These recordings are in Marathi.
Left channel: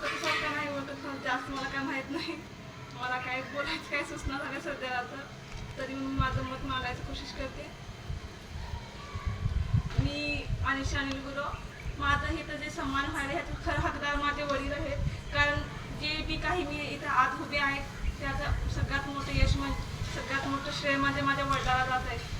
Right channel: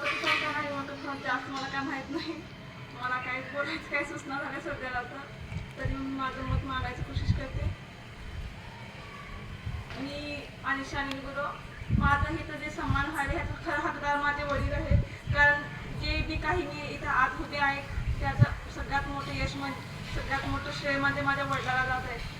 होतं की कोणतं नाही होतं पण जास्त मला काय माहीत नाही. मला काही बोलायचं काही सूचना झाल्या सध्याला तरी मी माझं मत मांडायची कोशिश करते. मी अनिशा अनिल गुरव, माझं इथं जे सन्मान आहे ह्याचं खरं हकदार माझे वडील आहेत. कारण जे बी काही मी इथं आज उभे आहे त्याचं सगळ्यात मोठं यश म्हणजे सगळ्यात मोठं श्रेय म्हणजे माझ्या वडिलाला जात आहे.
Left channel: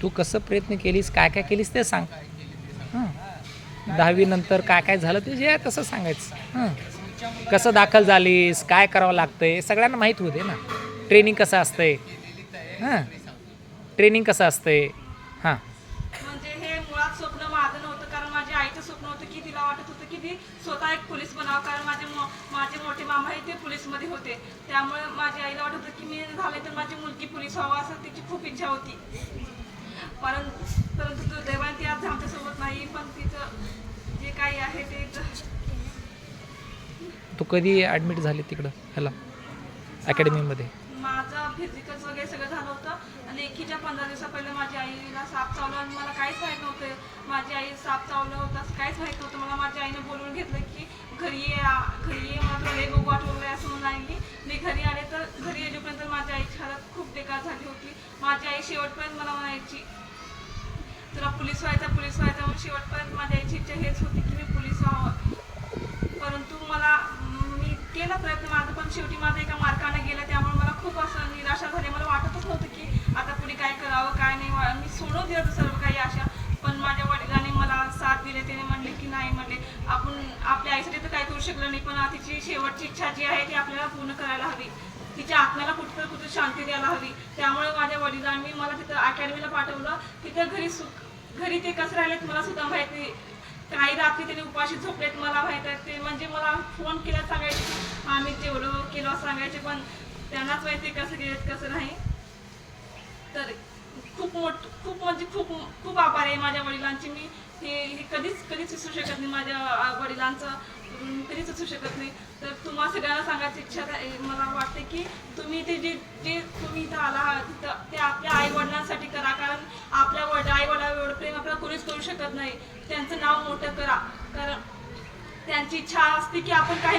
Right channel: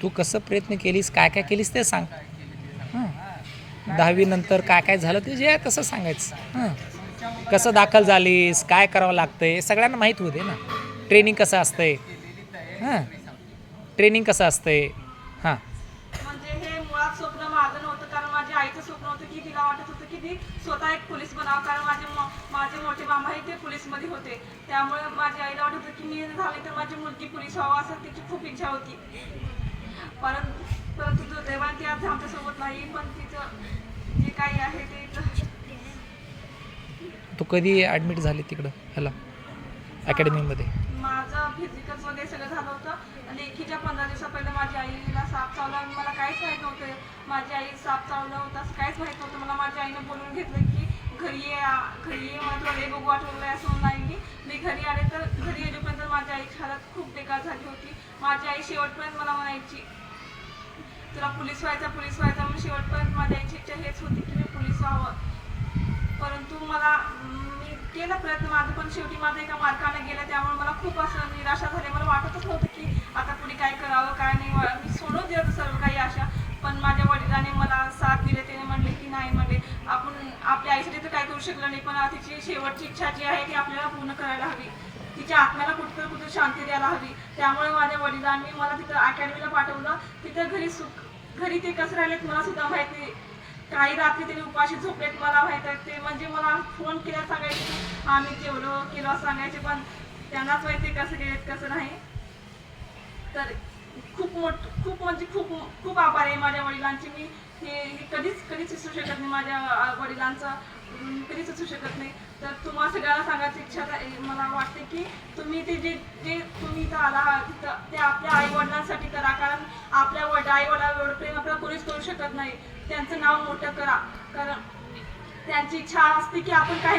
तू कसं प्रयत्न केलीस, काय काय केलीस ते सांग. हां, 10वी नंतर काय काय झालं ते जे आहे तसं सांगायचं. हां, कसं दाखल झालीस, काय करावं लागतंय सगळ्यांना माहीत होते ना. ट्रेनिंग कसं असतंय, हां, ट्रेनिंग कसं असतंय. हां, म्हणजे हे मुळात स्वप्न माझं नव्हतं. कारण माझ्या आईचं स्वप्न होतं की तिला वाटत होतं की ती स्वतः एक पोलीस बनावं. कारण माझे मोठे मामाही ते पोलीसमध्ये होते. त्यामुळे माझ्या आईला वाटत होतं की मी झाले तर माझी मुलगी पोलीस व्हावं असं तिची खूप इच्छा होती. परंतु दुर्दैवाने ती आज आमच्यासोबत नाही. पण तिचं जे काही आहे ते तू कधी ॲडमिट झाली तिकडं ह्याला अकॅडमीमध्ये? माझं फिजिकल वगैरे सगळं झालं होतं. लेखीच्या 15 दिवसा पहिले माझ्या आईला साप चावला आणि मला काहीच माहीत नव्हतं. माझी आई साप चावलं होतं असं काहीच माहीत नव्हतं. मला माझ्या आईने बोलवून घेतलं की घरी ये मला तुला लय बघू वाटलं वगैरे असं म्हणून आईने. मी घरी आले तर घरी येईपर्यंत माझ्या आईची हालत खूप बेकार झाली होती. माझी आई शेवटपर्यंत मला म्हणायची तुला पोलीस व्हायचं म्हणून. शेवटपर्यंत माझ्या आईची इच्छा हेच होती की मी पोलीस व्हावं. परंतु मी केला प्रयत्न माझं, पण शेवटी माझं एका मार्काने गेलं. त्यामुळे मला खूप असं निराशा झाली. मला वाटतच नव्हतं की आता पुढे काय करावं काय नाही. मी सोडून दिलं सर्व काही आशा. पण माझ्या वडिलांनी मला साथ दिले. त्याने म्हणले की नाही म्हणले आपण आपल्या आईसाठी तर काय करू शकलो नाही, पण तिची शेवटची इच्छा जी आहे ती आपल्याला पूर्ण करायला हवी. तिच्या आत्म्याला कुठे शांती द्यायला हवी. त्यामुळे माझ्या वडिलांनी मला तिथं अकॅडमीला पाठवलं. तिथं घरी ते कसं राहिले मला सुद्धा माहीत नाही. काही रात्री त्यांनी उपाशी झोपलेत मला माहीत आहे. ते म्हणजे मला फोन केला सांगायचे आम्ही तेवढं केलं सांगायचे, पण त्यांनाच माहिती कसं गेलेत कसं नाही. तर खूप आभार आहे माझ्या वडिलांची. मी हे कधीच विसरू शकत नाही. माझ्या वडिलांचं कधीच विसरू शकत नाही. तर तुम्हाला सगळ्यांना सांगायची इच्छा मला वाटते की तुम्ही ते जे तुम्ही इथं आला आहात तिथं ते आपल्या आई वडिलांसाठी करा. कारण आपल्या आई वडिलांवर एवढं प्रेम आपल्याला कोणीच करू शकत नाही. त्यांचं नाव मोठं करा. कारण त्यांची इच्छा असते की आपण काही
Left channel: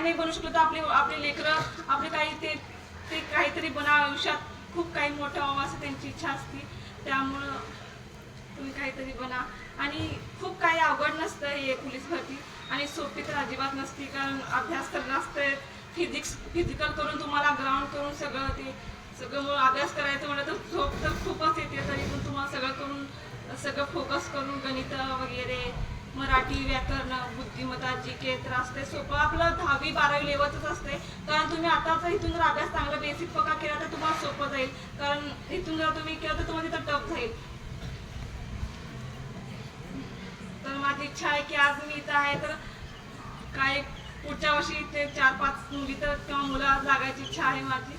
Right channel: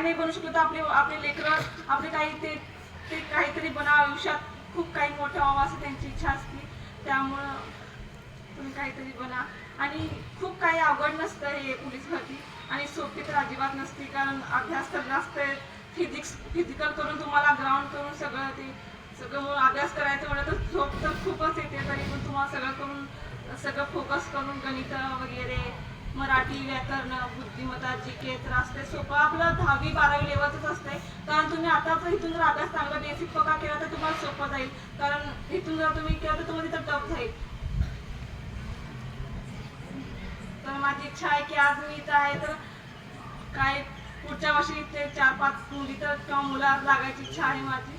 नाही बनू शकलो तर आपले लेकरं आपले काही ते काहीतरी बना आयुष्यात खूप काही मोठं व्हावं असं त्यांची इच्छा असते. त्यामुळं तुम्ही काहीतरी बना. आणि खूप काही अवघड नसतं हे पोलीस भरती, आणि सोपी तर अजिबात नसते. कारण अभ्यास तर असतं फिजिकल करून तुम्हाला ग्राउंड करून सगळं अभ्यास करायचं म्हणलं तर झोप तर खूपच येते. तरी पण तुम्हाला सगळं फोकस करून गणित वगैरे मराठी व्याकरण बुद्धिमत्ता जीके तर असते. सोपं आपलं 10वी 12वी लेवलच असतंय. कारण तुम्ही आता जर इथून जर अभ्यास चांगला बेसिक पक्का केला तर तुम्हाला सोपं जाईल. कारण इथून जर तुम्ही केलं तर तुम्हाला तिथं टफ जाईल. तर माझी इच्छा आहे की आज मी इथं आहे तर काय पुढच्या वर्षी ते 4-5 मुली तर किंवा मुलं लागायची इच्छा आहे माझी.